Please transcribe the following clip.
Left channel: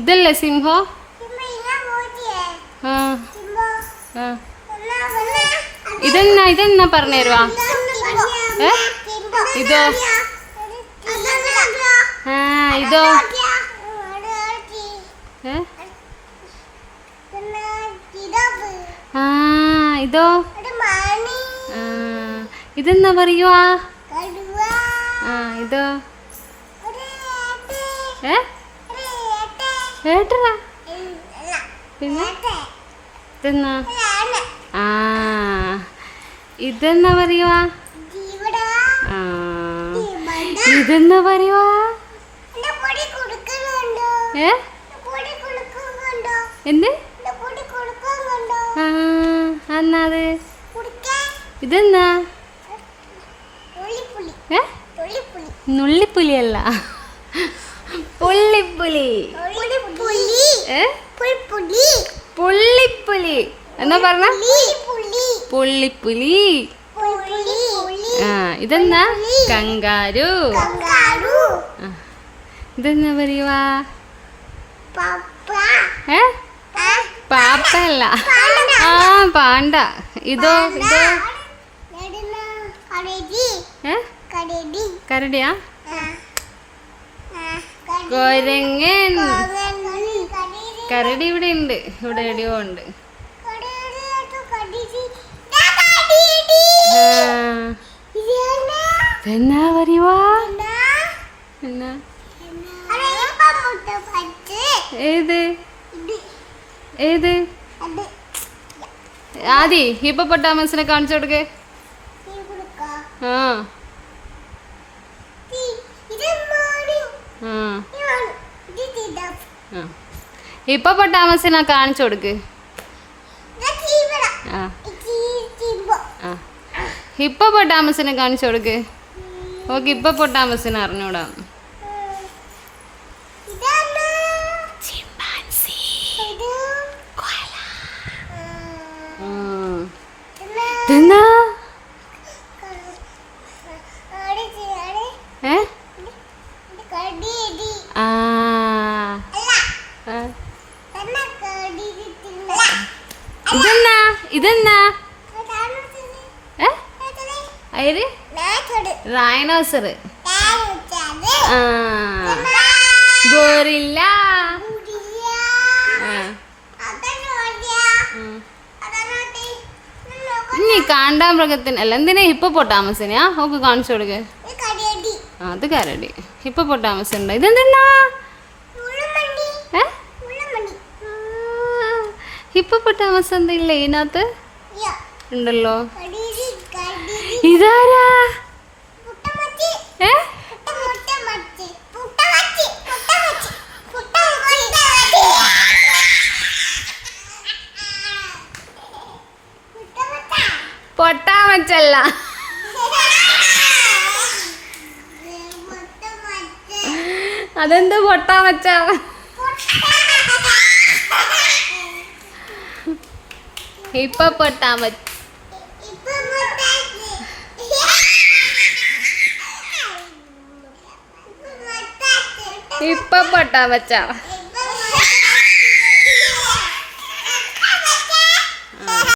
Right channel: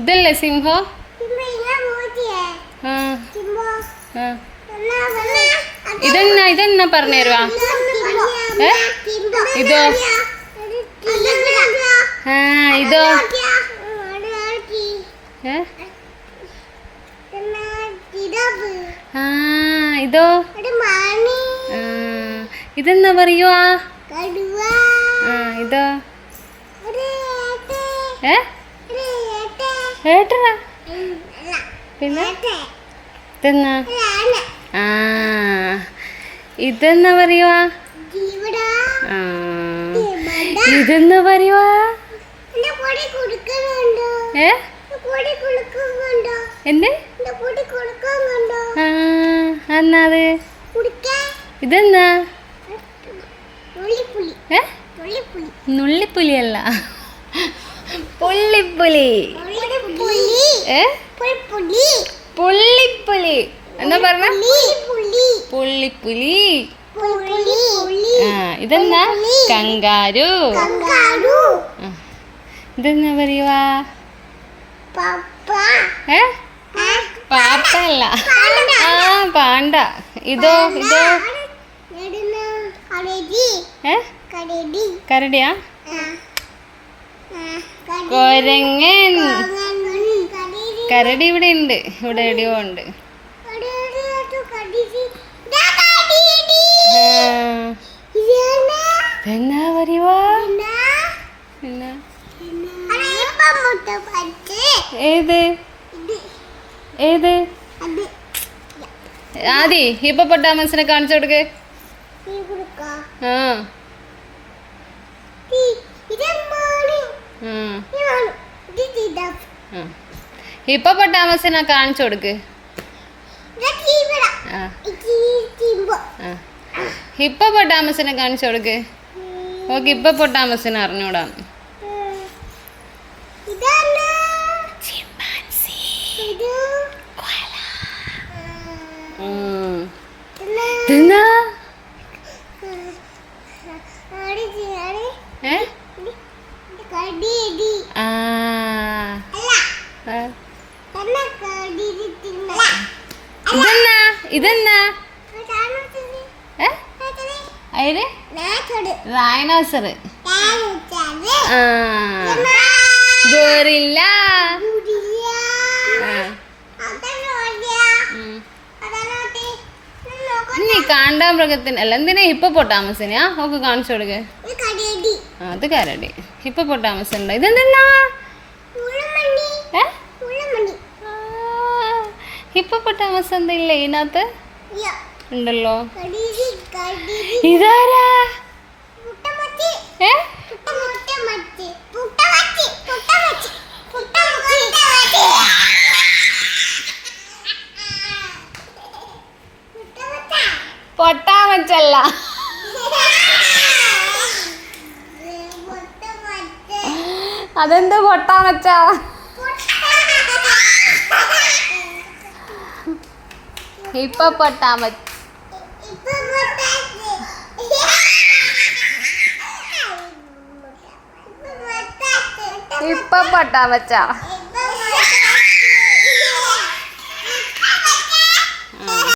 ഇതല്ലേ സിംഹം? ഇതെന്നാ പറഞ്ഞുതരുവാ? ഇതോ? ഇതോ? ഇതോ? ഇതെന്നാ പറയുവാ? ഇതോ? ഏട്ടറാ? പിന്നെ ഇതെന്നാ? ഇതെന്നാ പറയുവാ? ഇതെന്നാ പറയുവാ? എന്ത് എന്നാ അത്? ഇതെന്നാ? നുള്ളിപ്പുലിയല്ല, പുള്ളിപ്പുലി. പുള്ളിപ്പുലി എന്നാ പറഞ്ഞ? പുള്ളിപ്പുലി. ഇതെന്നാ? കങ്കാരു. ഇതെന്നാ പറയുവാ? പാപ്പല്ല, പാണ്ട. ഇതോ? ഇതോ? കരടിയാ? കൊരങ്ങൻ. കരടി ഇവിടെ ഉണ്ട്, ഇവിടെ എവിടെയോ ഉണ്ട്. എന്നാ പറയുവാ? ഏത്? ഏത്? ആദി ഹിപ്പോപ്പൊട്ടാമസിനെ കാണിച്ചു കൊടുക്ക്. ഹിപ്പോപ്പൊട്ടാമസിനെ കാണിച്ചു കൊടുക്ക്. ഹിപ്പോപ്പൊട്ടാമസിനെ കാണിച്ചു കൊടുക്ക്. ഓക്കെ, ഹിപ്പോപ്പൊട്ടാമസിനെ അറിഞ്ഞൂടാ. ഇതെന്നാ? ഇതെന്നാ? റൈനോസർ. ഗോറില്ല. ഇനി കാണ്ടാമൃഗത്തിന് അല്ല, എന്തിനാ ഹിപ്പോപ്പൊട്ടാമസിനെയാ? ഓക്കെ, കാണിച്ചു കൊടുക്ക്. അത് കരടി. ഹിപ്പോപ്പൊട്ടാമസ് ഉണ്ടോ? ഇതെന്താ? ഹിപ്പോപ്പൊട്ടാമസ് എന്താ ഇല്ലേ ഇതിനകത്ത്? ഉണ്ടല്ലോ. ഇതാരാ? പൊട്ടാമച്ചല്ല, അതെന്താ പൊട്ടാമച്ച? ഹിപ്പോപ്പൊട്ടാമസ്. ഹിപ്പോപ്പൊട്ടാമച്ച.